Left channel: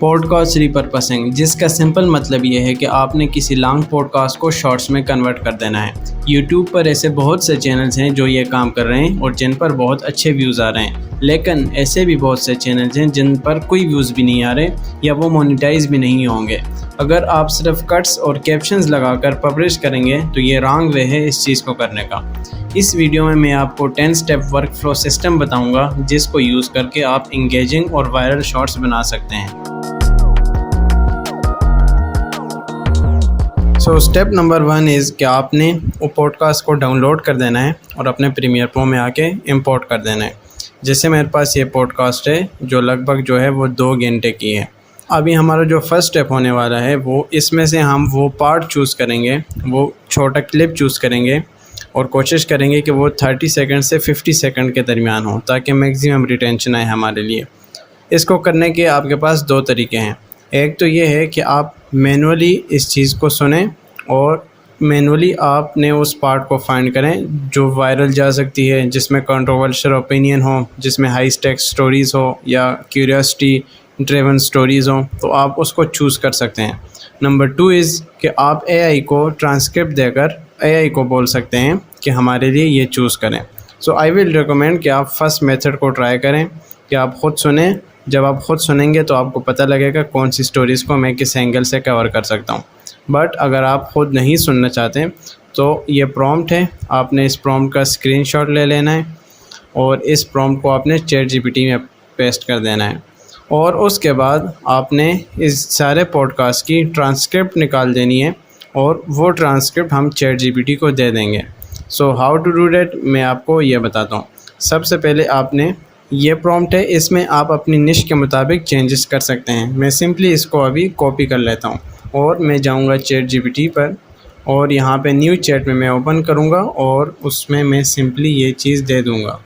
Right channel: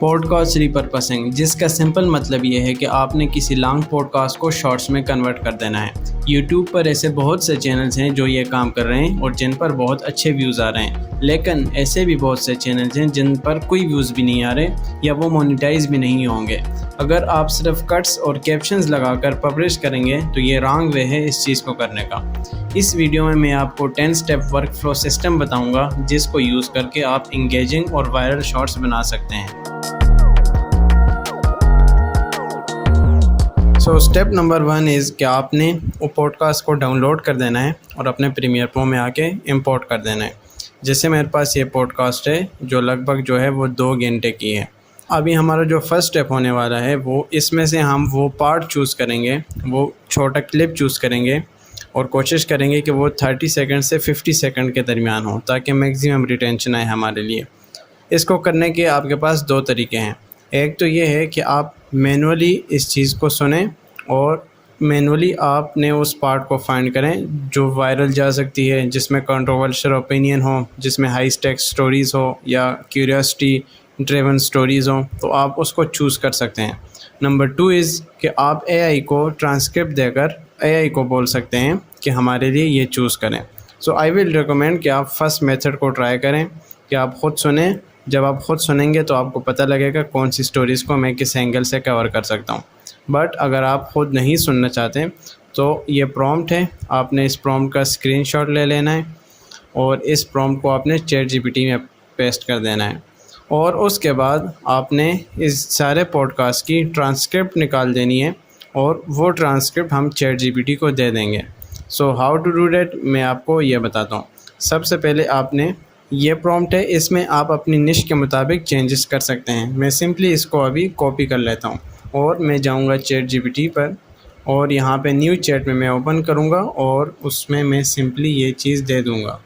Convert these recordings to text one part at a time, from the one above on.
Podcast repurposing, जिसका simple मतलब ये है कि आपने किसी लॉन्ग पॉडकास्ट को शॉर्ट्स में कन्वर्ट कर देना है। यूट्यूब पर ऐसे बहुत से चैनल्स हैं जो ये काम कर रहे हैं और जिन पर बहुत अच्छे व्यूज़ आ रहे हैं, लेकिन ऐसे भी बहुत से चैनल्स हैं जिन पर कोई व्यूज़ भी नहीं आ रहे या वो मोनेटाइज भी नहीं होंगे। अगर आप सिर्फ कट्स और कैप्शंस लगाकर पब्लिश करेंगे तो ये रॉन्ग वे है इस चीज़ को करने का। इस वीडियो में मैं आपको 10 स्टेप वर्क फ्लो सिस्टम बताऊंगा जिसको यूज़ करके आप इंगेजिंग और वायरल शॉर्ट्स बना सकते हैं। सो स्टेप नंबर 1 इज़ कि आपने वो पॉडकास्ट को डाउनलोड कर देना है और अपने प्रीमियर प्रो में आके इंपोर्ट कर देना है। जैसे मेरे पास ये पॉडकास्ट है जो लगभग जो है वो 2 घंटे की है। अभी हमारा जो फर्स्ट स्टेप होने वाला है वो इसमें से हम वो पार्ट चूज़ करेंगे, वो छोटा क्लिप चूज़ करेंगे और कोशिश करेंगे कि वो 30 सेकंड से 50 सेकंड के दरमियान हो ताकि मैक्सिमम रिटेंशन आए हमारे लिए। इसको करने के आपके पास 2 तरीके हैं। एक तो ये है कि आप मैनुअली इस चीज़ को सुनें और मैनुअली आपने उस पार्ट को फाइंड करें जो वायरल जा सकती है, जिसमें कंट्रोवर्शियल ओपिनियन हो, जिसमें हाई स्टेक्स स्टोरीज़ हो या क्यूरियोसिटी ड्रिवन स्टोरीज़ हो, तो आप उसको चूज़ कर सकते हैं। नंबर 2 इज़ कि आप एआई को ट्रांसक्रिप्ट देकर एआई को बोल सकते हैं कि हमारे लिए ये चूज़ करें। सो आई विल रिकमेंड कि आप फर्स्ट मेथड को ट्राई करें कि आप ख़ुद सुनें। जब आप ख़ुद सुनेंगे तो आपको पता लगेगा कौन सी स्टोरीज़ को मैं किस एंगल से कवर कर सकता हूँ। बट अगर आप ख़ुद नहीं सुनना चाहते तो ये प्रॉम्प्ट है, आपने इस प्रॉम्प्ट का स्क्रीनशॉट ले लेना है और इस प्रॉम्प्ट को आपने चैटजीपीटी में पेस्ट कर देना है और उसके बाद आपने इस सारे पॉडकास्ट की ट्रांसक्रिप्ट निकाल देनी है और वो ट्रांसक्रिप्ट हम चैटजीपीटी को दे देंगे। So how to do that मैं आपको ये बताता हूँ। सबसे पहले आपने ये प्रॉम्प्ट है, इसमें आप अपनी निश के मुताबिक चेंजेस कर सकते हैं। मैं सिंपली इसको अभी कॉपी कर लेता हूँ और मैं जाऊँगा चैटजीपीटी पर और यहाँ पे न्यू चैट में मैं ओपन करूँगा और उसमें मैं सिंपली ये चीज़ दे दूँगा।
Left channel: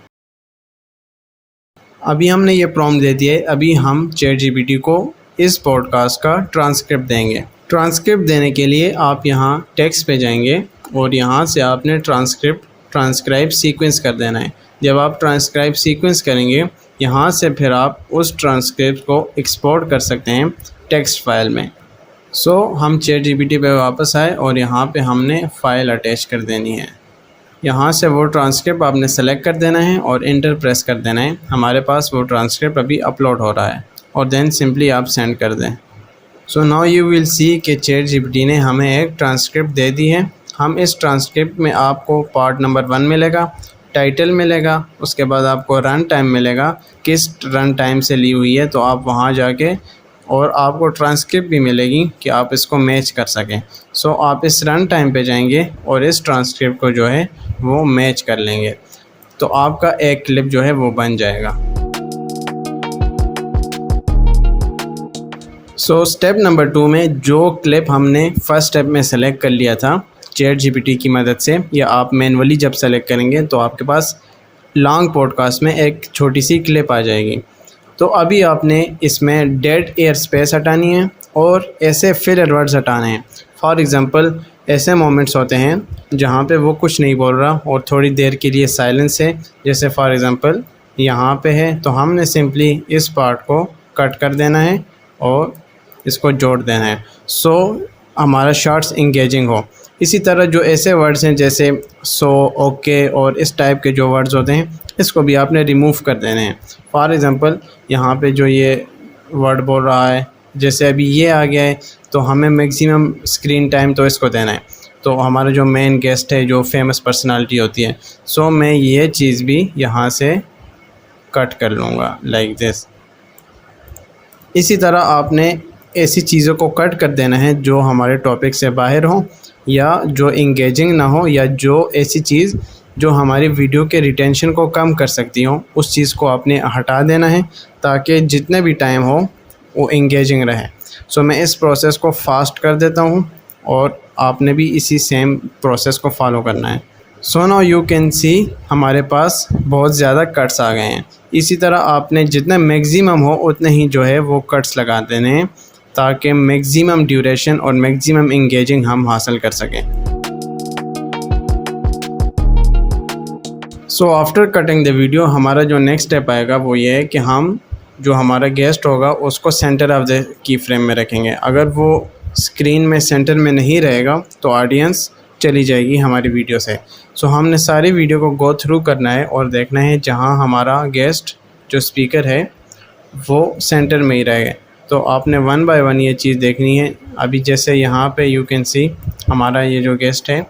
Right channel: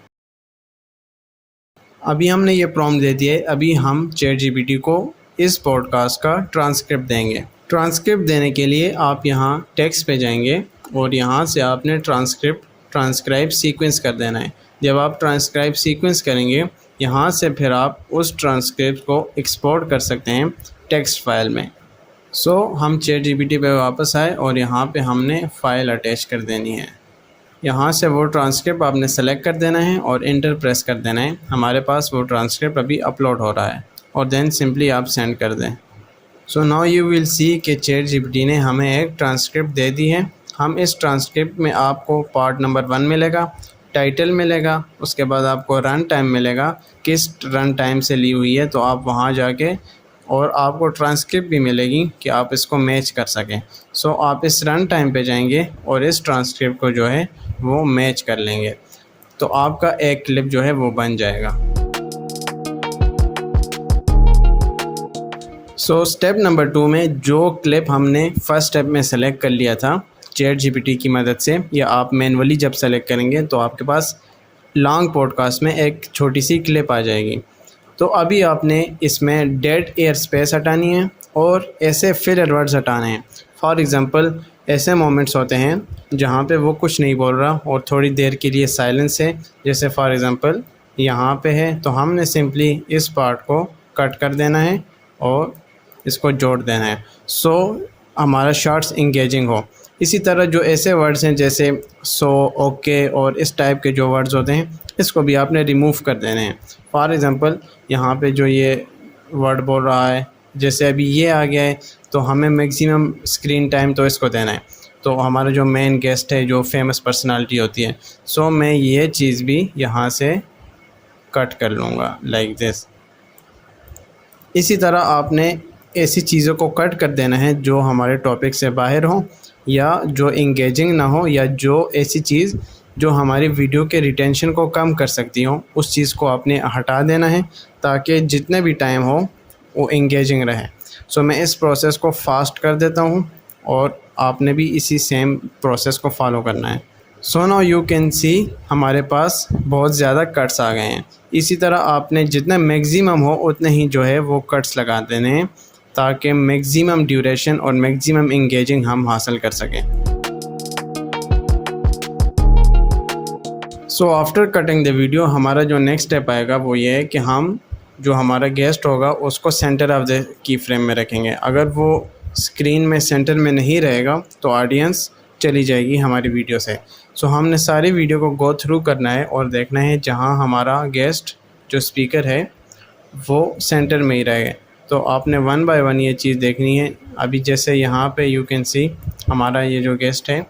अभी हमने ये प्रॉम्प्ट दे दिया है। अभी हम चैटजीपीटी को इस पॉडकास्ट का ट्रांसक्रिप्ट देंगे। ट्रांसक्रिप्ट देने के लिए आप यहाँ टेक्स्ट पे जाएंगे और यहाँ से आपने ट्रांसक्राइब सीक्वेंस कर देना है। जब आप ट्रांसक्राइब सीक्वेंस करेंगे यहाँ से फिर आप उस ट्रांसक्रिप्ट को एक्सपोर्ट कर सकते हैं टेक्स्ट फाइल में। सो हम चैटजीपीटी पे वापस आए और यहाँ पे हमने फ़ाइल अटैच कर देनी है। यहाँ से वो ट्रांसक्रिप्ट आपने सेलेक्ट कर देना है और इंटर प्रेस कर देना है। हमारे पास वो ट्रांसक्रिप्ट अभी अपलोड हो रहा है और देन सिंपली आप सेंड कर दें। So now you will see कि चैटजीपीटी ने हमें एक ट्रांसक्रिप्ट दे दी है। हम इस ट्रांसक्रिप्ट में आपको पार्ट नंबर 1 मिलेगा, टाइटल मिलेगा, उसके बाद आपको रन टाइम मिलेगा, किस रन टाइम से ली हुई है, तो आप वहाँ जाके और आपको ट्रांसक्रिप्ट भी मिलेगी कि आप इसको मैच कर सकें। सो आप इस रन टाइम पे जाएंगे और इस ट्रांसक्रिप्ट को जो है वो मैच कर लेंगे तो आपका एक क्लिप जो है वो बन जाएगा। सो स्टेप नंबर 2 में जो क्लिप हमने फर्स्ट स्टेप में सेलेक्ट कर लिया था चैटजीपीटी की मदद से, या आप मैनुअली जब सेलेक्ट करेंगे तो आपके पास लॉन्ग पॉडकास्ट में एक छोटी सी क्लिप आ जाएगी। तो अभी आपने इसमें डेड एयर स्पेस हटानी है और ऐसे फिलर वर्ड्स हटाने हैं। फॉर एग्ज़ाम्पल ऐसे मोमेंट्स होते हैं जहाँ पे वो कुछ नहीं बोल रहा और थोड़ी देर के लिए साइलेंस है, जैसे फॉर एग्ज़ाम्पल यहाँ पे है, तो हमने सिंपली इस पार्ट को कट कर देना है और इसको जोड़ देना है सो हमारा शॉर्ट्स इंगेजिंग हो। इसी तरह जो ऐसे वर्ड्स हैं जैसे सो, ओके और इस टाइप के जो वर्ड्स होते हैं इसको भी आपने रिमूव कर देने हैं। फॉर एग्ज़ाम्पल यहाँ पे जो ये वर्ड बोल रहा है, जैसे अभी ये आ गया है, तो हमें मैक्सिमम स्क्रीन टाइम तो इसको देना है। तो हमारा जो मेन गेस्ट है, जो फेमस पर्सनालिटी होती है, सो मैं ये चीज़ भी यहाँ से कट कर लूँगा लाइक दिस। इसी तरह आपने ऐसी चीज़ों को कट कर देना है जो हमारे टॉपिक से बाहर हो या जो इंगेजिंग ना हो या जो ऐसी चीज़ जो हमारी वीडियो के रिटेंशन को कम कर सकती हो, उस चीज़ को आपने हटा देना है ताकि जितने भी टाइम हो वो इंगेजिंग रहे। सो मैं इस प्रोसेस को फास्ट कर देता हूँ और आपने भी इसी सेम प्रोसेस को फॉलो करना है। So now you can see हमारे पास बहुत ज़्यादा कट्स आ गए हैं। इसी तरह आपने जितना मैक्सिमम हो उतने ही जो है वो कट्स लगा देने हैं ताकि मैक्सिमम ड्यूरेशन और मैक्सिमम इंगेजिंग हम हासिल कर सकें। So after cutting the video हमारा जो नेक्स्ट स्टेप आएगा वो ये है कि हम जो हमारा गेस्ट होगा उसको centre of the key frame में रखेंगे। अगर वो स्क्रीन में सेंटर में नहीं रहेगा तो ऑडियंस चली जाएगी हमारी वीडियो से। सो हमने सारी वीडियो को गो थ्रू करना है और देखना है जहाँ हमारा गेस्ट जो स्पीकर है वो सेंटर में ही रहेगा। तो आपने वन बाय वन ये चीज़ देखनी है। अभी जैसे यहाँ पे यू कैन सी हमारा ये जो गेस्ट है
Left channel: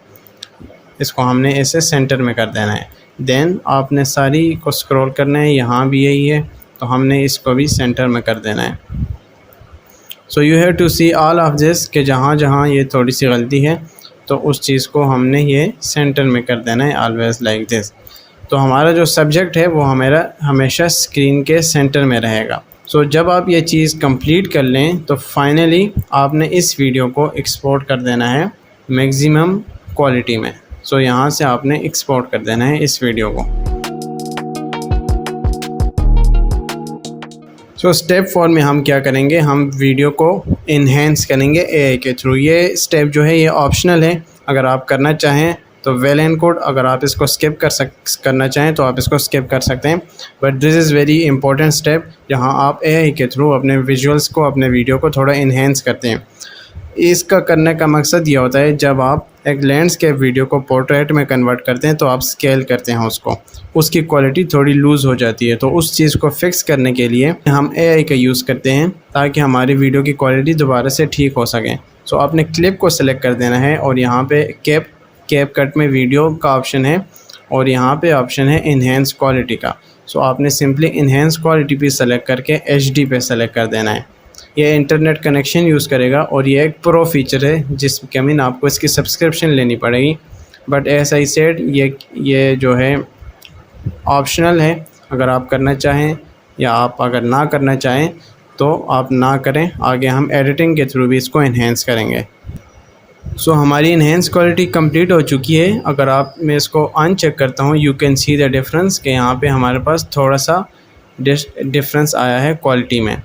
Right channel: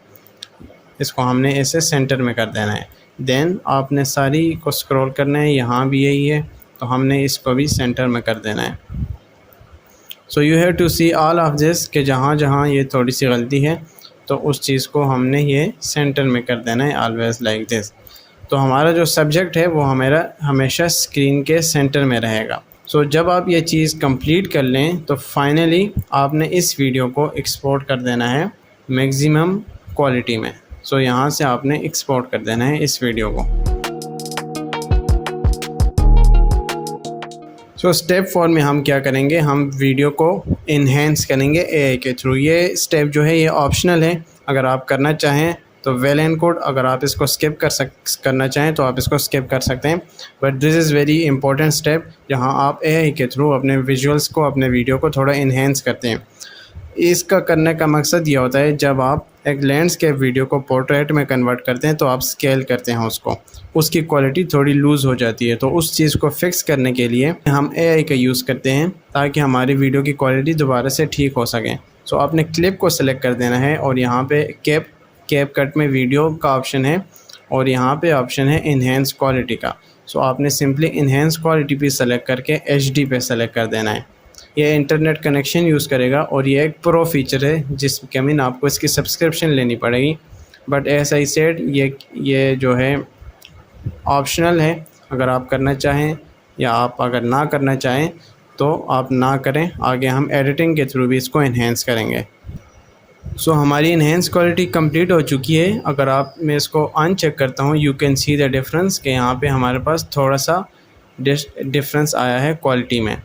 इसको हमने ऐसे सेंटर में कर देना है। देन आपने सारी को स्क्रॉल करना है, यहाँ भी यही है तो हमने इसको भी सेंटर में कर देना है। So you have to see all of this कि जहाँ जहाँ ये थोड़ी सी गलती है तो उस चीज़ को हमने ये सेंटर में कर देना है, ऑलवेज लाइक दिस। तो हमारा जो सब्जेक्ट है वो हमारा हमेशा स्क्रीन के सेंटर में रहेगा। सो जब आप ये चीज़ कंप्लीट कर लें तो फाइनली आपने इस वीडियो को एक्सपोर्ट कर देना है मैक्सिमम क्वालिटी में। सो यहाँ से आपने एक्सपोर्ट कर देना है इस वीडियो को। सो स्टेप 4 में हम क्या करेंगे, हम वीडियो को इन्हेंस करेंगे एआई के थ्रू। ये स्टेप जो है ये ऑप्शनल है, अगर आप करना चाहें तो वेल एंड गुड, अगर आप इसको स्किप करना चाहें तो आप इसको स्किप कर सकते हैं। But this is very important step जहां आप एआई के थ्रू अपने विजुअल्स को, अपने वीडियो को थोड़ा इन्हेंस करते हैं। इसका करने का मकसद ये होता है जब आप एक लैंडस्केप वीडियो को पोर्ट्रेट में कन्वर्ट करते हैं तो आप स्केल करते हैं उसको, उसकी क्वालिटी थोड़ी लूज़ हो जाती है। तो उस चीज़ को फिक्स करने के लिए हम एआई का यूज़ करते हैं ताकि हमारी वीडियो की क्वालिटी दोबारा से ठीक हो सके। सो आपने क्लिप को सिलेक्ट कर देना है और यहाँ पे कैप कट में वीडियो का ऑप्शन है और यहाँ पे ऑप्शन है इन्हेंस क्वालिटी का। सो आपने सिंपली इन्हेंस क्वालिटी पे सेलेक्ट करके HD पे सेलेक्ट कर देना है। ये इंटरनेट कनेक्शन यूज़ करेगा और ये एक प्रो फीचर है जिसके मीन आपको इसकी सब्सक्रिप्शन लेनी पड़ेगी। बट एज आई सेड ये जो है ऑप्शनल है, अगर आप करना चाहें या आप अगर ना करना चाहें तो आप ना करें। आगे हम एडिटिंग के थ्रू भी इसको इन्हेंस करेंगे। सो हमारी इन्हेंस क्वालिटी कंप्लीट हो चुकी है। अगर आप मैं इसको अनचेक करता हूँ you can see the difference कि यहाँ पे हमारे पास थोड़ा सा डिफरेंस आया है क्वालिटी में।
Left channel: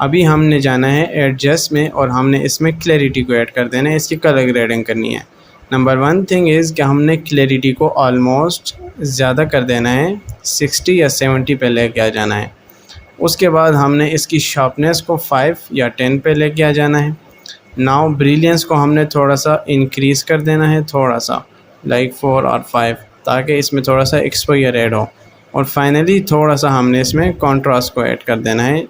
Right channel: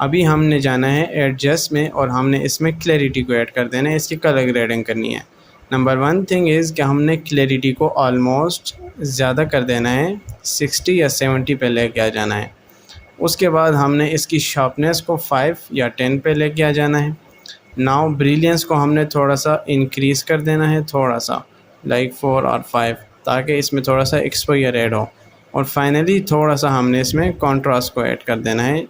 अभी हमने जाना है एडजस्ट में और हमने इसमें क्लैरिटी को ऐड कर देना है, इसकी कलर ग्रेडिंग करनी है। नंबर 1 थिंग इज़ कि हमने क्लैरिटी को ऑलमोस्ट ज़्यादा कर देना है, 60 या 70 पे लेके आ जाना है। उसके बाद हमने इसकी शार्पनेस को 5 या 10 पे लेके आ जाना है। नाउ ब्रिलियंस को हमने थोड़ा सा इंक्रीज़ कर देना है, थोड़ा सा लाइक 4 और 5, ताकि इसमें थोड़ा सा एक्सपोजर ऐड हो। और फाइनली थोड़ा सा हमने इसमें कॉन्ट्रास्ट को ऐड कर देना है,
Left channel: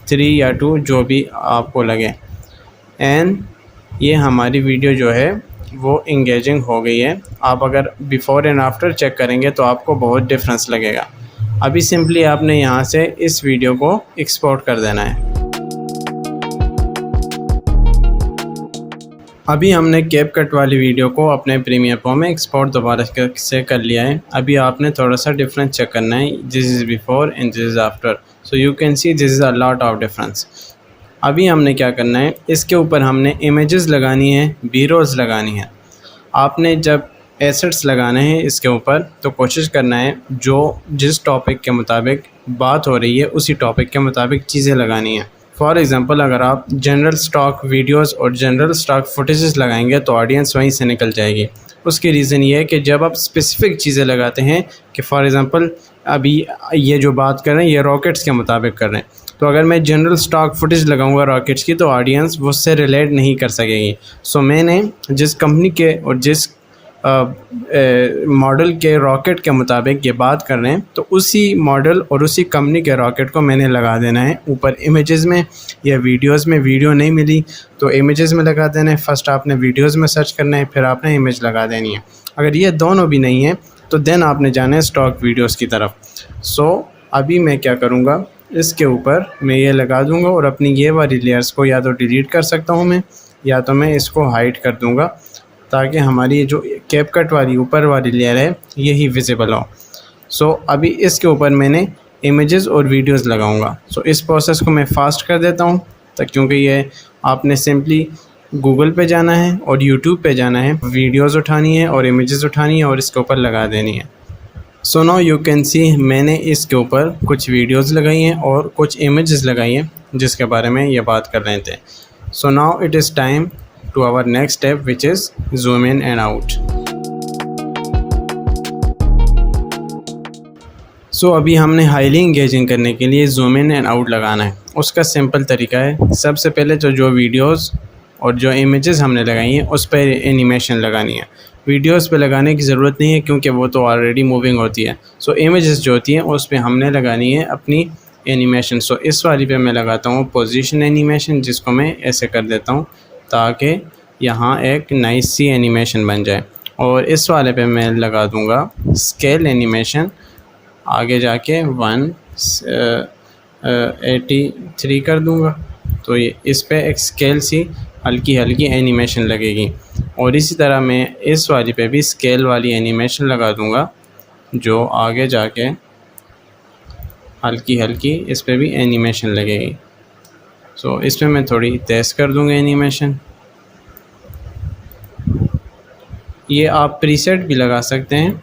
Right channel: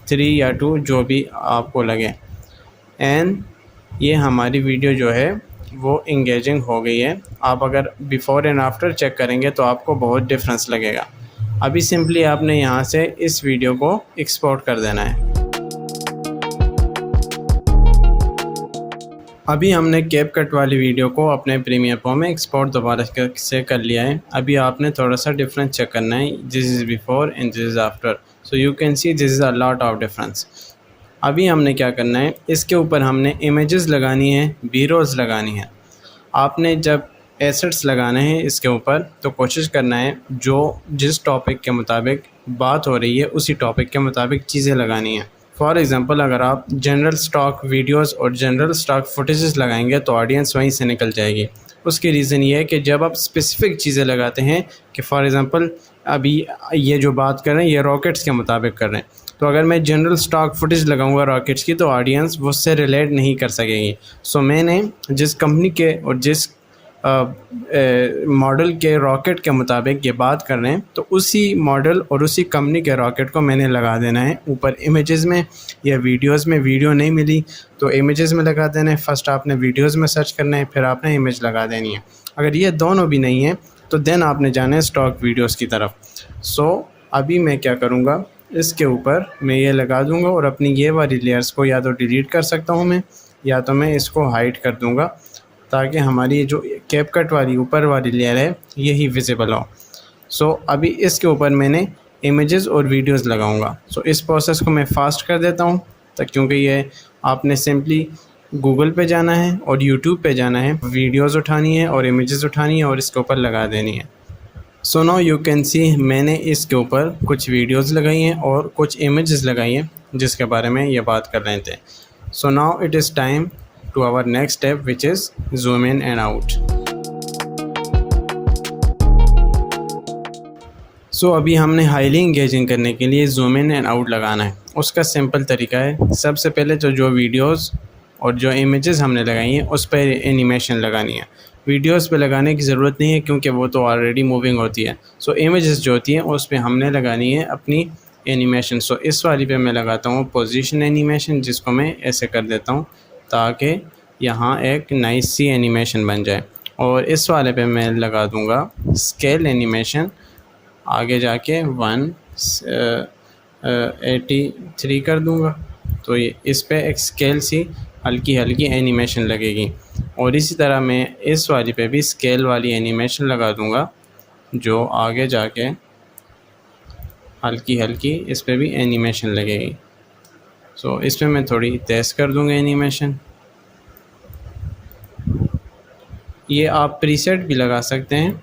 3 या 2 जो भी आपको लगे। एंड ये हमारी वीडियो जो है वो इंगेजिंग हो गई है। आप अगर बिफ़ोर एंड आफ्टर चेक करेंगे तो आपको बहुत डिफरेंस लगेगा। अभी सिंपली आपने यहाँ से इस वीडियो को एक्सपोर्ट कर देना है। अभी हमने कैप कट वाली वीडियो को अपने प्रीमियर प्रो में एक्सपोर्ट दोबारा से कर लिया है। अभी आपने थोड़ा सा डिफरेंस चेक करना है, this is before and this is after. So you can see this is a lot of difference. अभी हमने क्या करना है, इसके ऊपर हमने इमेजेस लगानी है, बी-रोल्स लगानी है। आपने जब एसेट्स लगाने हैं इसके ऊपर तो कोशिश करना है जो जिस टॉपिक के मुताबिक बात हो रही है उसी टॉपिक के मुताबिक चीज़ें लगानी है। फॉर एग्ज़ाम्पल अगर आप जनरल स्टॉक वीडियोस और जनरल स्टॉक फुटेजेस लगाएंगे तो ऑडियंस वहीं से निकल जाएगी। उसकी रीज़न ये है कि जब आप स्पेसिफ़िक चीज़ें लगाते हैं कि फॉर एग्ज़ाम्पल अभी ये जो बात कर रहे हैं ये रॉकेट्स के मुताबिक कर रहे हैं, तो अगर मैं जनरल स्टॉक फुटेज लगाऊंगा रॉकेट्स की तो ऑडियंस वो उससे रिलेट नहीं कर सकेगी। सो मैंने जिस कंपनी के और जिस मॉडल के रॉकेट के मुताबिक ये बात कर रहे हैं तो उसी मॉडल और उसी कंपनी के रॉकेट को मैंने लगा देना है ऊपर इमेजेस में या वीडियोस में। वीडियो नहीं मिली तो इमेजेस में लगा देना है। फर्स्ट आपने वीडियोस में सर्च करना है, फिर आपने इमेज लगा देनी है। अगर ये दोनों भी नहीं है तो देन आपने जाना है स्टॉक वीडियोस की तरफ। सो अभी मैं क्या करूँगा, इसके ऊपर मैं ये लगा दूँगा और अपनी ये वाली लेयर्स को या तो डिलीट कर सकता हूँ मैं, या तो मैं इसको हाइड कर दूँगा ताकि हमारी जो कैप कट वाली ऊपर वाली लेयर है यही विजिबल हो। सो अभी इसके ऊपर मैंने इमेजेस और वीडियोस लगाऊंगा। सो इस प्रोसेस को मैं फास्ट कर देता हूँ क्योंकि ये आपने सिंपली गूगल पे जाना है और यूट्यूब पे जाना है, वीडियोस उठानी है और इमेजेस उठानी है और इसके ऊपर लगा देनी है। So now you can see मैंने इसके ऊपर कुछ वीडियोस लगाई हैं और कुछ इमेजेस लगाई हैं जिसके बारे में ये बात कर रहे थे। So now it is time to our next step, which is zoom in and out. सो अभी हमने हाईली इंगेजिंग करने के लिए जूम इन एंड आउट लगाना है। उसका सिंपल तरीका है, सबसे पहले तो जो वीडियोस और जो इमेजेस हमने लगाई हैं उस पर एनिमेशन लगानी है। वीडियोस पे लगाने की ज़रूरत नहीं है क्योंकि वो तो ऑलरेडी मूविंग होती है। सो इमेजेस जो होती हैं उस पर हमने लगानी है अपनी एनिमेशन। सो इस वाली पे मैं लगाता हूँ पोजीशन एनिमेशन, जिसको मैं ऐसे कर देता हूँ ताकि यहाँ एक नाइस सी एनिमेशन बन जाए। और इस वाले पे मैं लगा दूँगा स्केल एनिमेशन, आगे जाके 183 कर दूँगा। तो ये इस पे एक स्केल सी हल्की हल्की एनिमेशन लगेगी। और इसी तरह मैं इस वाली पे भी स्केल वाली एनिमेशन लगा दूँगा, जो आगे जाके हल्की हल्की इस पे भी एनिमेशन लगेगी। सो इस पे मैं थोड़ी तेज़ कर दूँगा एनिमेशन। ये आप प्रीसेट भी लगा सकते हैं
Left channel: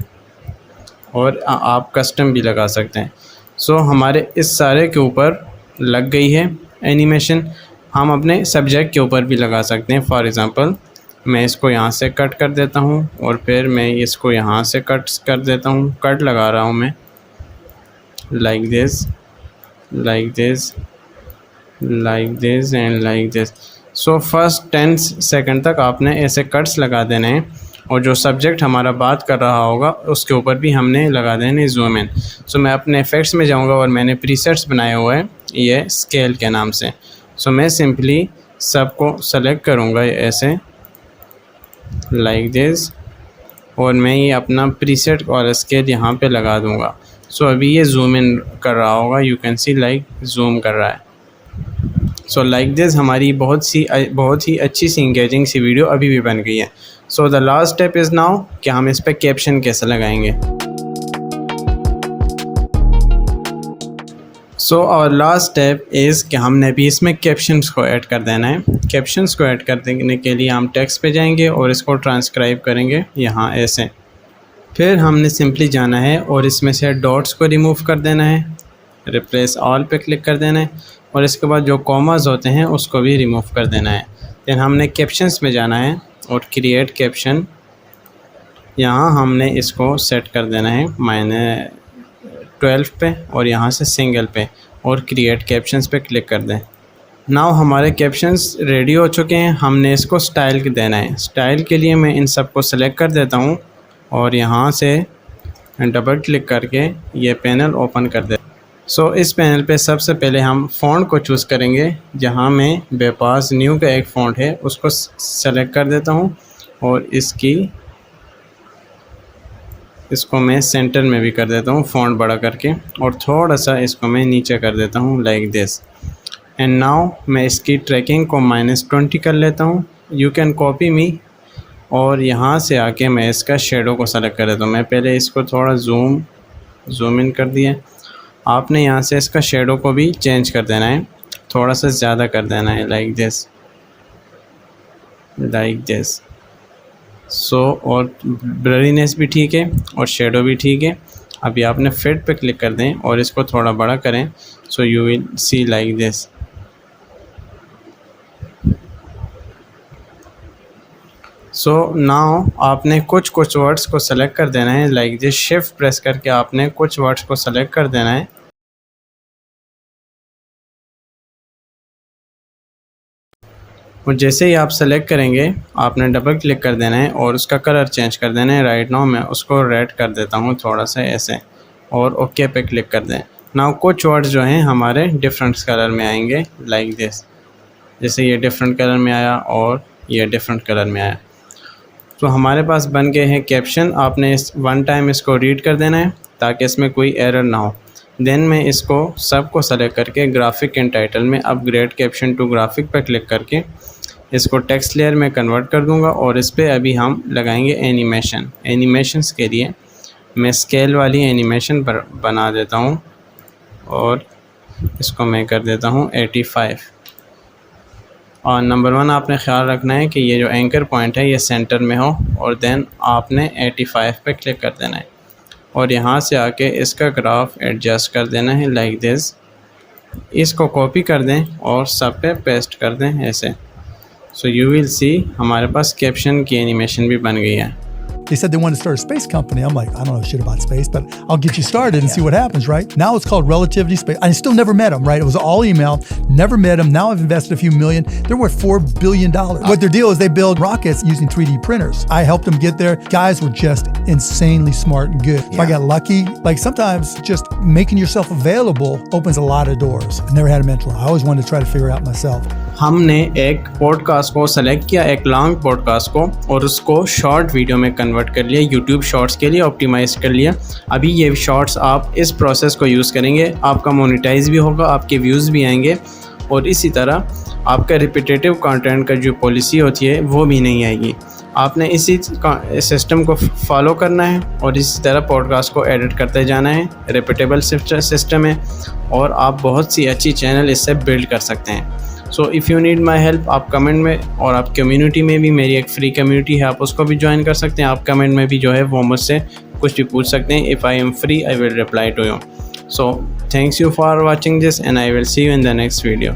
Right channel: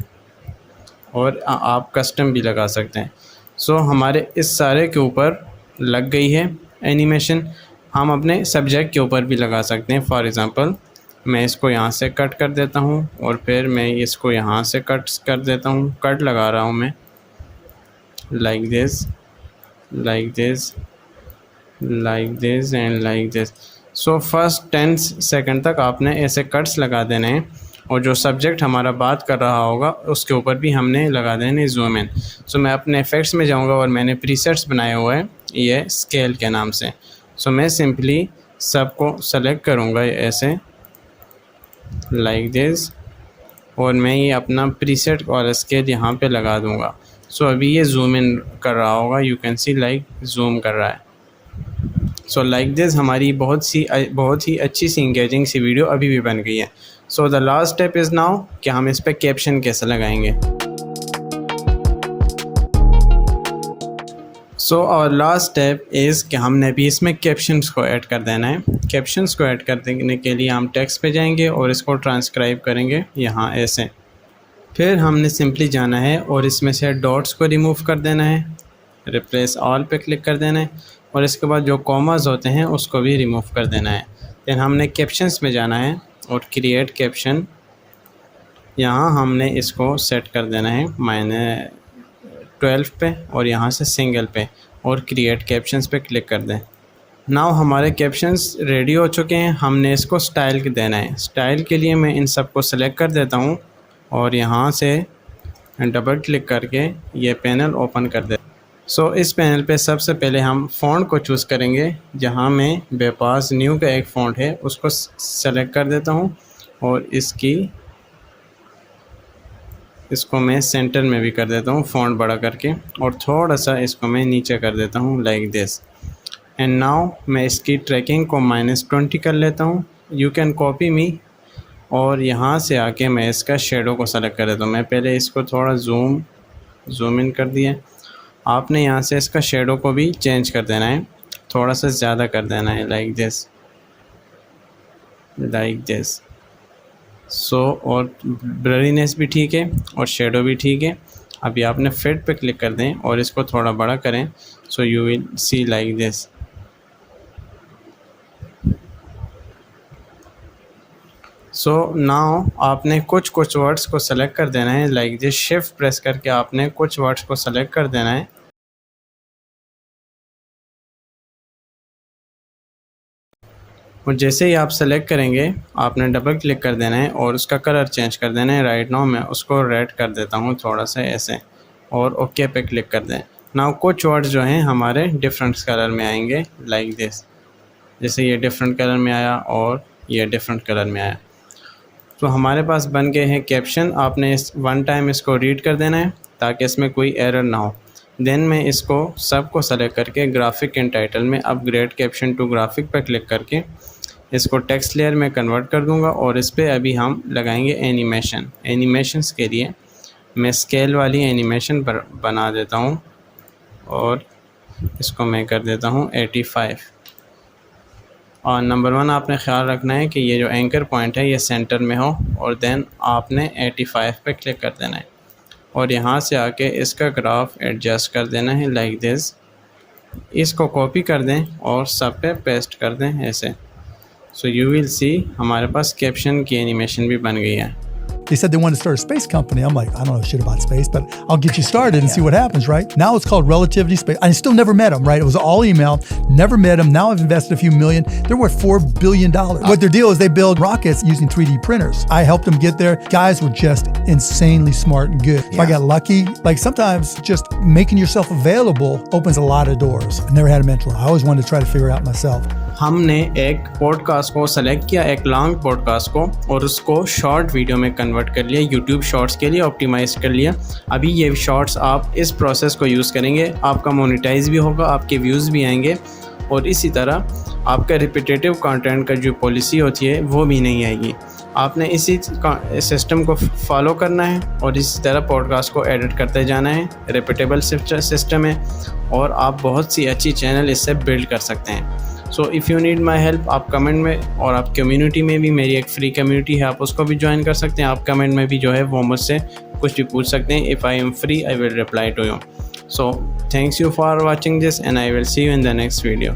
और आप कस्टम भी लगा सकते हैं। सो हमारे इस सारे के ऊपर लग गई है एनिमेशन। हम अपने सब्जेक्ट के ऊपर भी लगा सकते हैं। फॉर एग्ज़ाम्पल मैं इसको यहाँ से कट कर देता हूँ और फिर मैं इसको यहाँ से कट कर देता हूँ। कट लगा रहा हूँ मैं like this, like this, like this and like this. So first 10 second तक आपने ऐसे कट्स लगा देने हैं और जो सब्जेक्ट हमारा बात कर रहा होगा उसके ऊपर भी हमने लगा देने जूम इन। सो मैं अपने इफ़ेक्ट्स में जाऊंगा और मैंने प्रीसेट्स बनाए हुए हैं ये स्केल के नाम से। सो मैं सिंपली सबको सेलेक्ट करूंगा ऐसे लाइक दिस और मैं ये अपना प्रीसेट और स्केल यहाँ पे लगा दूंगा। सो अभी ये जूम इन कर रहा होगा, you can see like zoom कर रहा है। सो लाइक दिस हमारी बहुत ही अच्छी सी इंगेजिंग सी वीडियो अभी भी बन गई है। So the last step is now कि हम इस पर कैप्शन कैसे लगाएंगे। सो और लास्ट स्टेप इज़ कि हमने भी इसमें कैप्शंस को ऐड कर देना है। कैप्शंस को ऐड कर देने के लिए हम टेक्स्ट पे जाएंगे और इसको ट्रांसक्राइब करेंगे यहाँ ऐसे। फिर हमने सिंपली जाना है और इसमें से डॉट्स को रिमूव कर देना है, रिप्लेस ऑल पे क्लिक कर देना है और इसके बाद जो कॉमास होते हैं उसको भी रिमूव कर देना है। फिर हमने कैप्शंस में जाना है और क्रिएट कैप्शन, यहाँ हमने इसको सेट कर देना है -12 पे और यहाँ से सिंगल पे और क्रिएट कैप्शंस पे क्लिक कर दें। नाउ हमारे कैप्शंस रेडी हो चुके हैं। हमने इसको स्टाइल देना है। स्टाइल के लिए मैं इन सबको सेलेक्ट कर देता हूँ और यहाँ से डबल क्लिक करके ये पैनल ओपन कर दे। सो इस पैनल पे सबसे पहले हम फ़ॉन्ट को चूज़ करेंगे। जहाँ में बेपास न्यू का एक फ़ॉन्ट है उसको सेलेक्ट कर देता हूँ और इसको मैं सेंटर में भी कर देता हूँ फ़ॉन्ट बड़ा करके और थोड़ा सा इसको मैं नीचे कर देता हूँ लाइक दिस। एंड नाउ मैं इसकी ट्रैकिंग को -20 कर लेता हूँ। यू कैन कॉपी मी और यहाँ से आके मैं इसका शेडो को सेलेक्ट कर देता हूँ। मैं पहले इसको थोड़ा जूम इन कर दिया। आपने यहाँ से इसका शेडो को भी चेंज कर देना है, थोड़ा सा ज़्यादा कर देना है लाइक दिस, लाइक दिस। सो और ब्लरीनेस भी ठीक है और शेडो भी ठीक है। अभी आपने फिट पे क्लिक कर दें और इसको थोड़ा बड़ा करें। So you will see like this. So now आपने कुछ वर्ड्स को सेलेक्ट कर देना है लाइक दिस। शिफ्ट प्रेस करके आपने कुछ वर्ड्स को सेलेक्ट कर देना है और जैसे ही आप सेलेक्ट करेंगे आपने डबल क्लिक कर देना है और उसका कलर चेंज कर देना है। राइट नाउ मैं उसको रेड कर देता हूँ थोड़ा सा ऐसे और ओके पे क्लिक कर दें। नाउ कुछ वर्ड्स जो हैं हमारे डिफरेंट कलर में आएंगे लाइक दिस। जैसे ये डिफरेंट कलर में आया और ये डिफरेंट कलर में आया। तो हमारे पास बन गए हैं कैप्शन। आपने इस वन टाइम इसको रीड कर देना है ताकि इसमें कोई एरर ना हो। देन मैं इसको सबको सेलेक्ट करके ग्राफिक एंड टाइटल में अपग्रेड कैप्शन टू ग्राफिक पर क्लिक करके इसको टेक्स्ट लेयर में कन्वर्ट कर दूंगा और इस पर अभी हम लगाएंगे एनिमेशन। एनिमेशंस के लिए मैं स्केल वाली एनिमेशन बना देता हूँ और इसको मैं कर देता हूँ 85। और नंबर 1 आपने ख्याल रखना है कि ये जो एंकर पॉइंट है ये सेंटर में हो और देन आपने 85 पे क्लिक कर देना है और यहाँ से आके इसका ग्राफ एडजस्ट कर देना है लाइक दिस। इसको कॉपी कर दें और सब पे पेस्ट कर दें ऐसे। सो यू विल सी हमारे पास कैप्शन की एनिमेशन भी बन गई है। They said they wanted to start a space company. I'm like, I don't know shit about space, but I'll get you started and see what happens, right? Now it's called Relativity Space. I still never met them, right? It was all email, never met them. Now I've invested a few million. They're worth $4 billion. What their deal is, they build rockets using 3D printers. I helped them get there. Guys were just insanely smart and good. If I got lucky, like sometimes just making yourself available opens a lot of doors. I never had a mentor. I always wanted to try to figure it out myself. हमने एक podcast को select किया, एक long podcast को, और उसको short video में convert कर लिया, यूट्यूब शॉर्ट्स के लिए ऑप्टिमाइज कर लिया। अभी ये शॉर्ट्स आप इस प्रोसेस को यूज़ करेंगे, आपका मोनेटाइज भी होगा, आपके व्यूज़ भी आएंगे, और इसी तरह आपका रिपीटेटिव कंटेंट का जो पॉलिसी होती है वो भी नहीं आएगी। आपने इसी सिस्टम को फॉलो करना है और इसी तरह पॉडकास्ट को एडिट करते जाना है। रिपीटेबल सिस्टम है और आप बहुत सी अच्छी चैनल इससे बिल्ड कर सकते हैं। So if you need my help, आप कमेंट में, और आप कम्युनिटी में भी, मेरी एक फ्री कम्युनिटी है, आप उसको भी ज्वाइन कर सकते हैं। आप कमेंट में भी जो है वो मुझसे कुछ भी पूछ सकते हैं। If I am free I will reply to you. So thanks you for watching this and I will see you in the next video.